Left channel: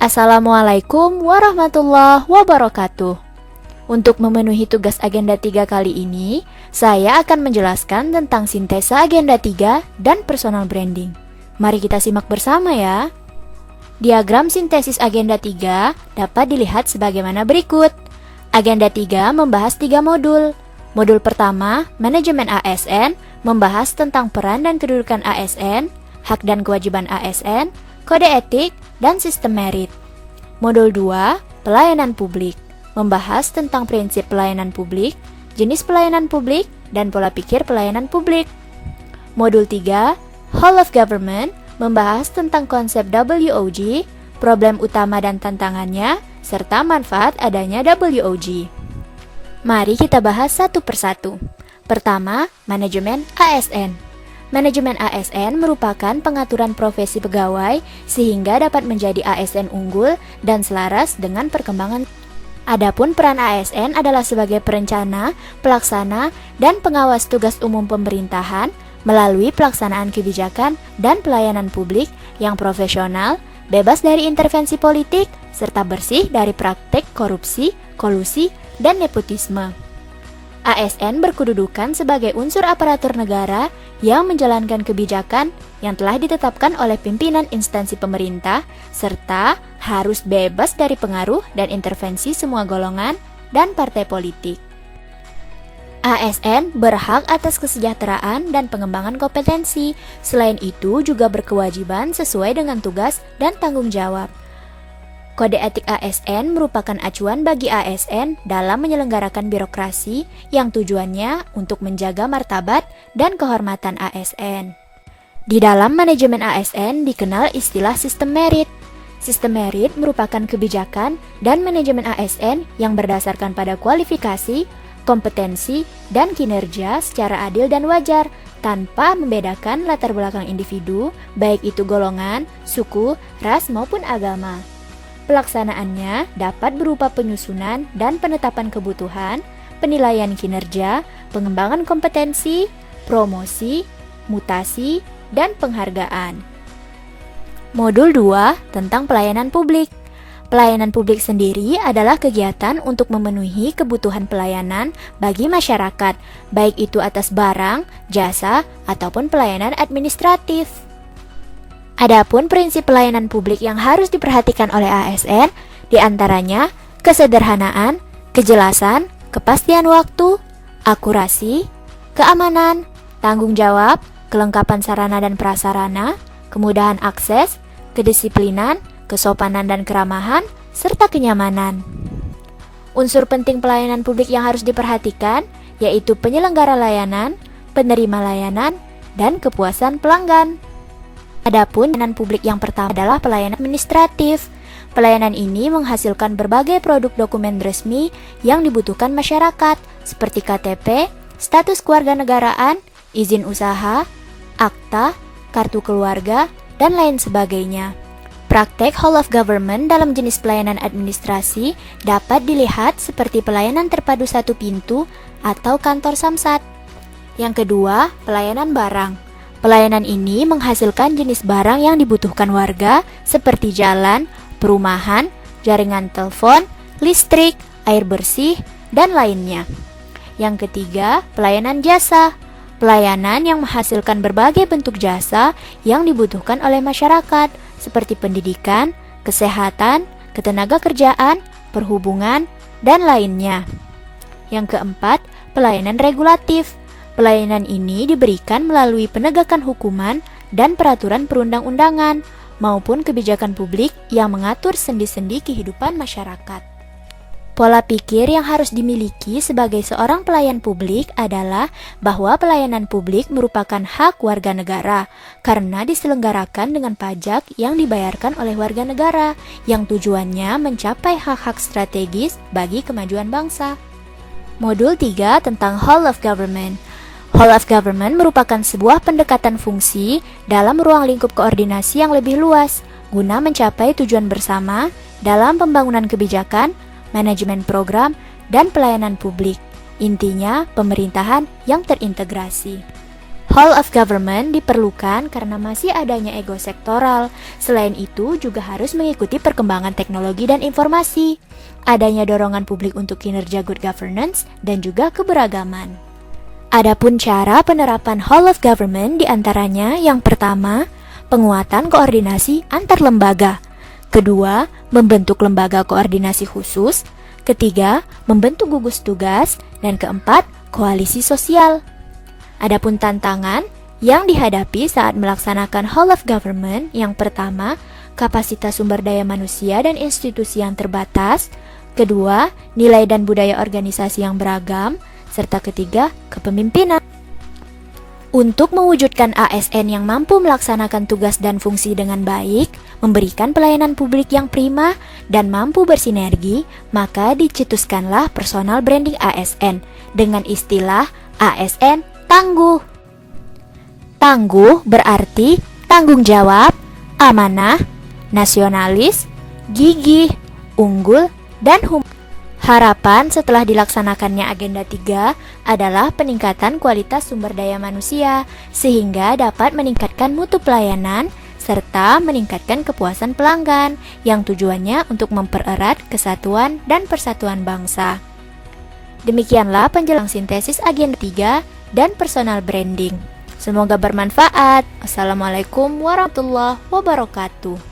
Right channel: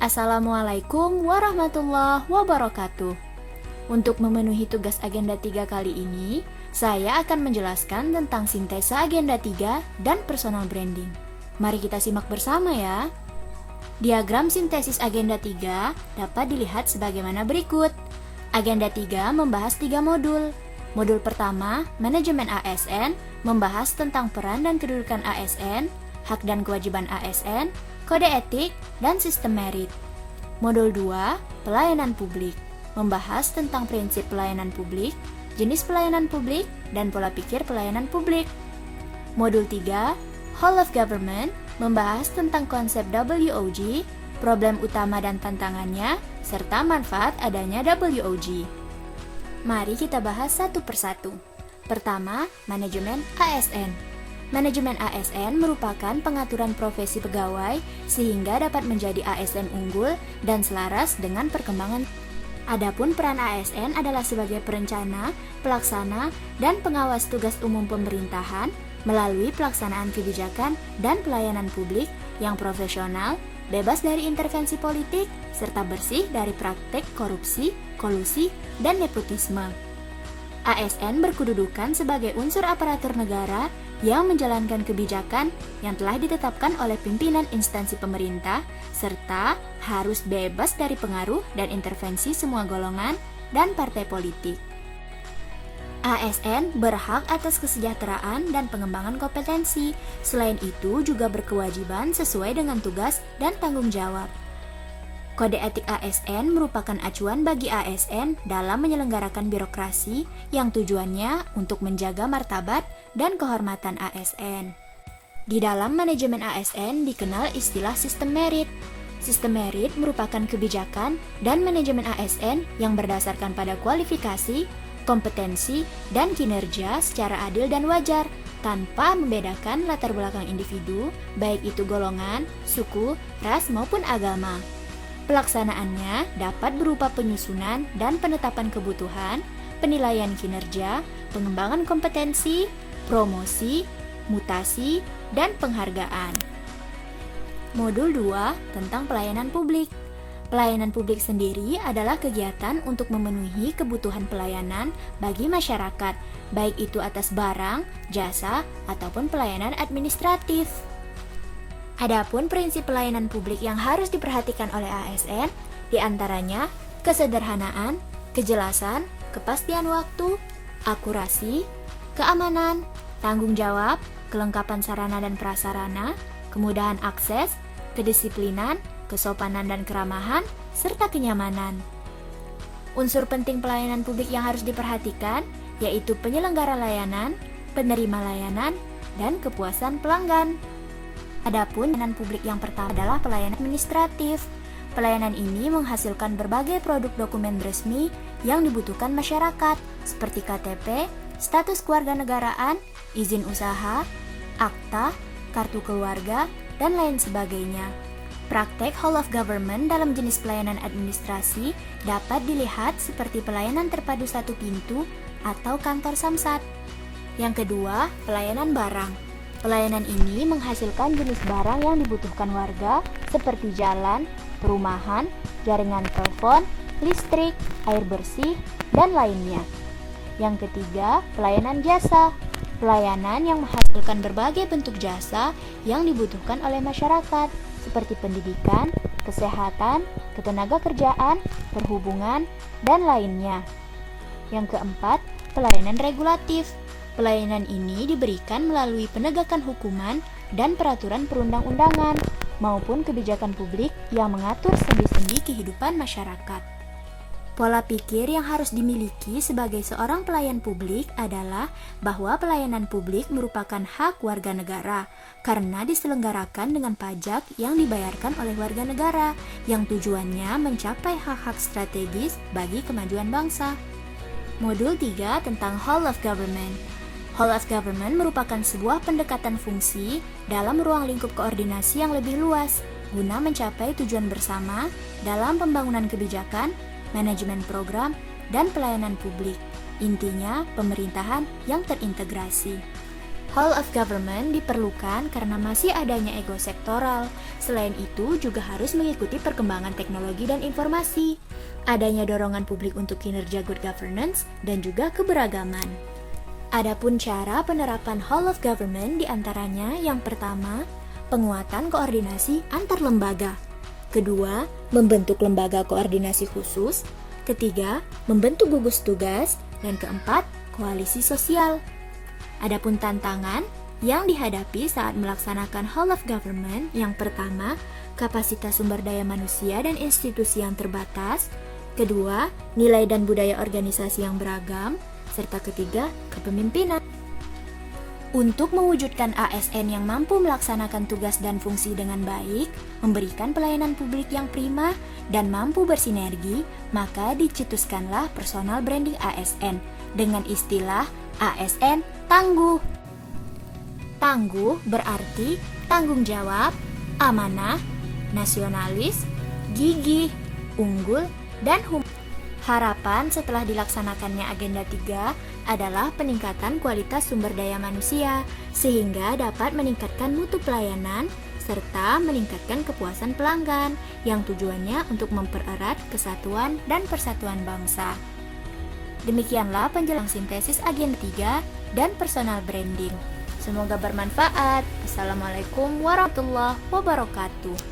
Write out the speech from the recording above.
Assalamualaikum warahmatullahi wabarakatuh. Untuk memenuhi tugas agenda 3 kali ini, saya akan menjelaskan tentang sintesa agenda 3 dan personal branding. Mari kita simak bersama ya. Diagram sintesis agenda 3 dapat dilihat sebagaimana berikut. Agenda 3 membahas 3 modul. Modul pertama, manajemen ASN, membahas tentang peran dan kedudukan ASN, hak dan kewajiban ASN, kode etik, dan sistem merit. Modul 2, pelayanan publik, membahas tentang prinsip pelayanan publik, jenis pelayanan publik, dan pola pikir pelayanan publik. Modul 3, whole of government, membahas tentang konsep WOG, problem utama dan tantangannya, serta manfaat adanya WOG. Mari kita bahas satu persatu. Pertama, manajemen ASN. Manajemen ASN merupakan pengaturan profesi pegawai sehingga dapat menjadi ASN unggul dan selaras dengan perkembangan. Adapun peran ASN adalah sebagai perencana, pelaksana, dan pengawas tugas umum pemerintahan melalui pelaksanaan kebijakan dan pelayanan publik yang profesional, bebas dari intervensi politik, serta bersih dari praktek korupsi, kolusi, dan nepotisme. ASN berkedudukan sebagai unsur aparatur negara yang menjalankan kebijakan yang telah ditetapkan oleh pimpinan instansi pemerintah, serta harus bebas dari pengaruh dan intervensi semua golongan dan partai politik. ASN berhak atas kesejahteraan dan pengembangan kompetensi, selain itu juga berkewajiban sesuai dengan tugas dan tanggung jawab. Kode etik ASN merupakan acuan bagi ASN dalam menyelenggarakan birokrasi yang tujuannya untuk menjaga martabat dan kehormatan ASN. Di dalam manajemen ASN dikenal istilah sistem merit. Sistem merit merupakan kebijakan dan manajemen ASN yang berdasarkan pada kualifikasi, kompetensi, dan kinerja secara adil dan wajar tanpa membedakan latar belakang individu, baik itu golongan, suku, ras maupun agama. Pelaksanaannya dapat berupa penyusunan dan penetapan kebutuhan, penilaian kinerja, pengembangan kompetensi, promosi, mutasi, dan penghargaan. Modul 2 tentang pelayanan publik. Pelayanan publik sendiri adalah kegiatan untuk memenuhi kebutuhan pelayanan bagi masyarakat, baik itu atas barang, jasa, ataupun pelayanan administratif. Adapun prinsip pelayanan publik yang harus diperhatikan oleh ASN diantaranya kesederhanaan, kejelasan, kepastian waktu, akurasi, keamanan, tanggung jawab, kelengkapan sarana dan prasarana, kemudahan akses, kedisiplinan, kesopanan dan keramahan, serta kenyamanan. Unsur penting pelayanan publik yang harus diperhatikan yaitu penyelenggara layanan, penerima layanan, dan kepuasan pelanggan. Adapun pelayanan publik yang pertama adalah pelayanan administratif. Pelayanan ini menghasilkan berbagai produk dokumen resmi yang dibutuhkan masyarakat seperti KTP, status kewarganegaraan, izin usaha, akta, kartu keluarga, dan lain sebagainya. Praktek whole of government dalam jenis pelayanan administrasi dapat dilihat seperti pelayanan terpadu satu pintu atau kantor samsat. Yang kedua, pelayanan barang. Pelayanan ini menghasilkan jenis barang yang dibutuhkan warga seperti jalan, perumahan, jaringan telepon, listrik, air bersih, dan lainnya. Yang ketiga, pelayanan jasa. Pelayanan yang menghasilkan berbagai bentuk jasa yang dibutuhkan oleh masyarakat seperti pendidikan, kesehatan, ketenagakerjaan, perhubungan, dan lainnya. Yang keempat, pelayanan regulatif. Pelayanan ini diberikan melalui penegakan hukuman dan peraturan perundang-undangan maupun kebijakan publik yang mengatur sendi-sendi kehidupan masyarakat. Pola pikir yang harus dimiliki sebagai seorang pelayan publik adalah bahwa pelayanan publik merupakan hak warga negara karena diselenggarakan dengan pajak yang dibayarkan oleh warga negara yang tujuannya mencapai hak-hak strategis bagi kemajuan bangsa. Modul 3 tentang whole of government. Whole of government merupakan sebuah pendekatan fungsi dalam ruang lingkup koordinasi yang lebih luas guna mencapai tujuan bersama dalam pembangunan kebijakan, manajemen program, dan pelayanan publik. Intinya, pemerintahan yang terintegrasi. Whole of government diperlukan karena masih adanya ego sektoral. Selain itu, juga harus mengikuti perkembangan teknologi dan informasi. Adanya dorongan publik untuk kinerja good governance dan juga keberagaman. Adapun cara penerapan whole of government diantaranya yang pertama, penguatan koordinasi antar lembaga. Kedua, membentuk lembaga koordinasi khusus. Ketiga, membentuk gugus tugas. Dan keempat, koalisi sosial. Adapun tantangan yang dihadapi saat melaksanakan whole of government, yang pertama, kapasitas sumber daya manusia dan institusi yang terbatas. Kedua, nilai dan budaya organisasi yang beragam. Serta ketiga, kepemimpinan. Untuk mewujudkan ASN yang mampu melaksanakan tugas dan fungsi dengan baik, memberikan pelayanan publik yang prima, dan mampu bersinergi, maka dicetuskanlah personal branding ASN dengan istilah ASN Tangguh. Tangguh berarti tanggung jawab, amanah, nasionalis, gigih, unggul, dan Harapan setelah dilaksanakannya agenda 3 adalah peningkatan kualitas sumber daya manusia sehingga dapat meningkatkan mutu pelayanan serta meningkatkan kepuasan pelanggan yang tujuannya untuk mempererat kesatuan dan persatuan bangsa. Demikianlah penjelasan sintesis agenda 3 dan personal branding. Semoga bermanfaat. Assalamualaikum warahmatullahi wabarakatuh.